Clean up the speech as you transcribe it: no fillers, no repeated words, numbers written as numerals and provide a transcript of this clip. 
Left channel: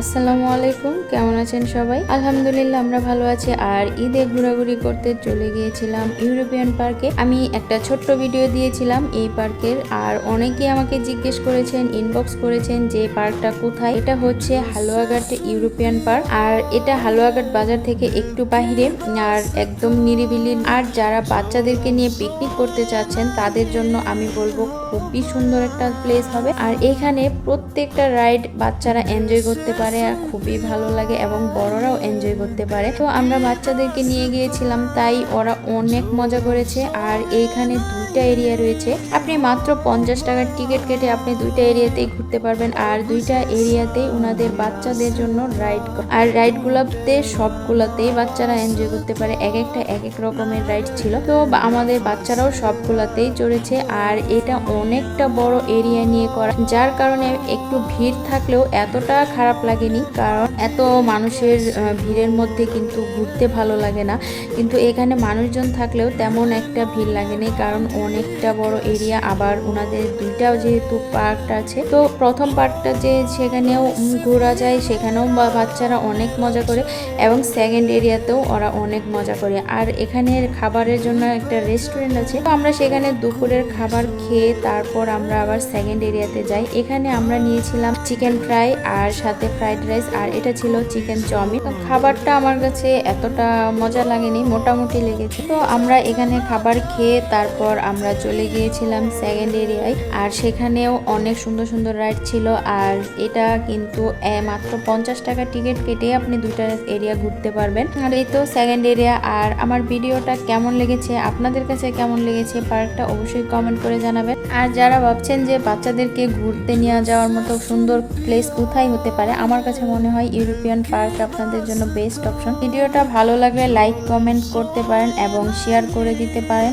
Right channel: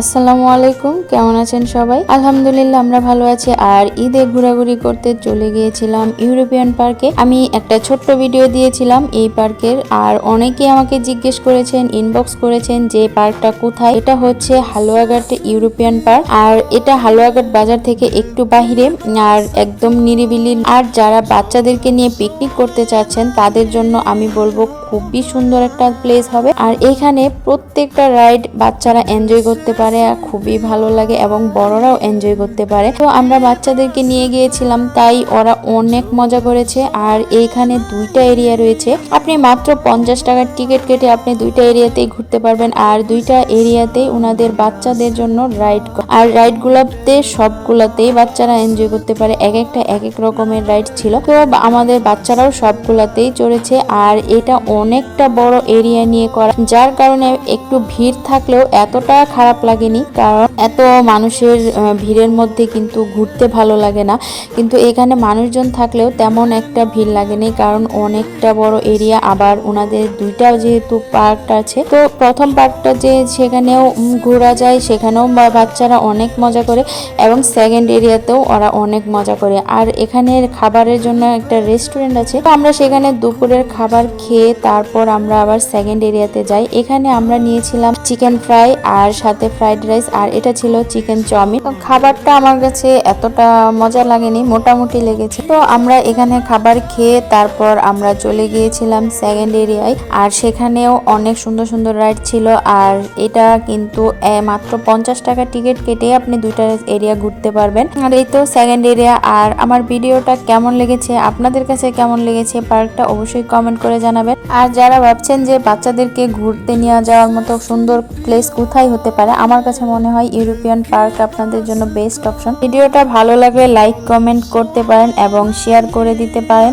আসসালামু আলাইকুম, কেমন আছেন সবাই? আলহামদুলিল্লাহ আমরা ভালো আছি। আর ঈদে ঘোরাঘুরি করতে চলে গিয়েছিলাম ইউরোপিয়ান পার্কে। আমি একটা ছোট্ট ভিডিও দিয়েছিলাম এই পার্কের, আর অনেকেই আমাকে জিজ্ঞেস করেছেন, ইনবক্স করেছেন যে পার্কটা কোথায়। এটা হচ্ছে হালুয়াঘাট ইউরোপিয়ান পার্ক, আর এটা হালুয়াঘাট বাজার থেকে একটু বাহিরে, আর একদম নিরিবিলি। আর যারা বাচ্চাদেরকে নিয়ে পিকনিক করতে চাচ্ছেন তাদের জন্য আমি বলবো খুবই সুন্দর একটা প্লেস হবে। আর এখানে প্রত্যেকটা রাইড বাচ্চারা এনজয় করতে পারে, খুবই ভালো লাগে এবং বড়রাও এনজয় করতে পারে। তো আমরা বাচ্চাদেরকে নিয়ে গিয়েছিলাম, তাই ওরা অনেক মজা করেছে। আর এইখানে দুইটা এরিয়া রয়েছে, আপনি মাত্র 50 টাকার টিকিট কেটে আপনি দুইটা এরিয়াতেই ঘুরতে পারবেন। আর দুইটা এরিয়াতে ওনাদের বাচ্চাদের জন্য রাইড, আর রাইড গুলাতে সবগুলাতেই বাচ্চারা এনজয় করতে পারে। এক একটা এক এক রকমের রাইড ছিল, তো আমাদের বাচ্চারাও সবগুলাতেই চড়েছে। আর এটা অনেকটা বড় এরিয়া নিয়ে করা, যার কারণে একটু ভিড় থাকলেও এতটা খারাপ লাগেনি, কারণ এত মানুষের ভিড়ের মধ্যে কিন্তু ঘুরতে ভালো লাগে না। কিন্তু এখানে মানুষজন থাকলেও তেমন একটা ভিড় লাগেনি, কারণ অনেকটা বড় এরিয়া। আবার ওনাদের দুইটাও যেহেতু পার্কটা আছে, তো প্রথম পার্কটা যে সেখানেও ঘোরা যায়, সেখানেও বাচ্চারা অনেক মজা করে, এবং সেকেন্ড এরিয়াতেও ওরা অনেক মজা করে। আর এখানে খাবারের জন্য একটা রেস্টুরেন্ট আছে, তো আমরা সেখানে দুপুরের খাবার খেয়ে তারপর আমরা আবার সেকেন্ড এরিয়াতে যাই। এখানে আমরা নিয়েছিলাম চিকেন ফ্রাই আর সাথে ফ্রাইড রাইস, আর এটা ছিল চিকেন চাউমিন। খাবারটা আমার কাছে এতটা মজা লাগেনি, মোটামুটি লেগেছে। তো আমরা এখানে খাবার খেয়ে তারপর আমরা চলে গিয়েছিলাম সেকেন্ড এরিয়ায়, আর সেখানেও অনেক সুন্দর সুন্দর রাইড ছিল। আর এটা কিন্তু মাত্র 50 টাকা টিকিট কেটে আপনি দুইটা এরিয়া ঘুরতে পারবেন। আর এই তো সেকেন্ড এরিয়া। আর আমার ভিডিওটা কেমন লেগেছে, আপনাদের কাছে কেমন লেগেছে পার্কটা, অবশ্যই কমেন্ট করে জানাবেন। আর যারা ভাবছেন যে বাচ্চাদেরকে ঘুরতে নিয়ে যাওয়ার মতো সুন্দর প্লেস কোথায় হতে পারে, আমার কাছে মনে হয় ইউরোপিয়ান পার্ক আপনাদের জন্য বেস্ট অপশন। ভিডিওটা ভালো লাগলে লাইক কমেন্ট করতে পারেন এবং শেয়ার করে দিতে পারেন।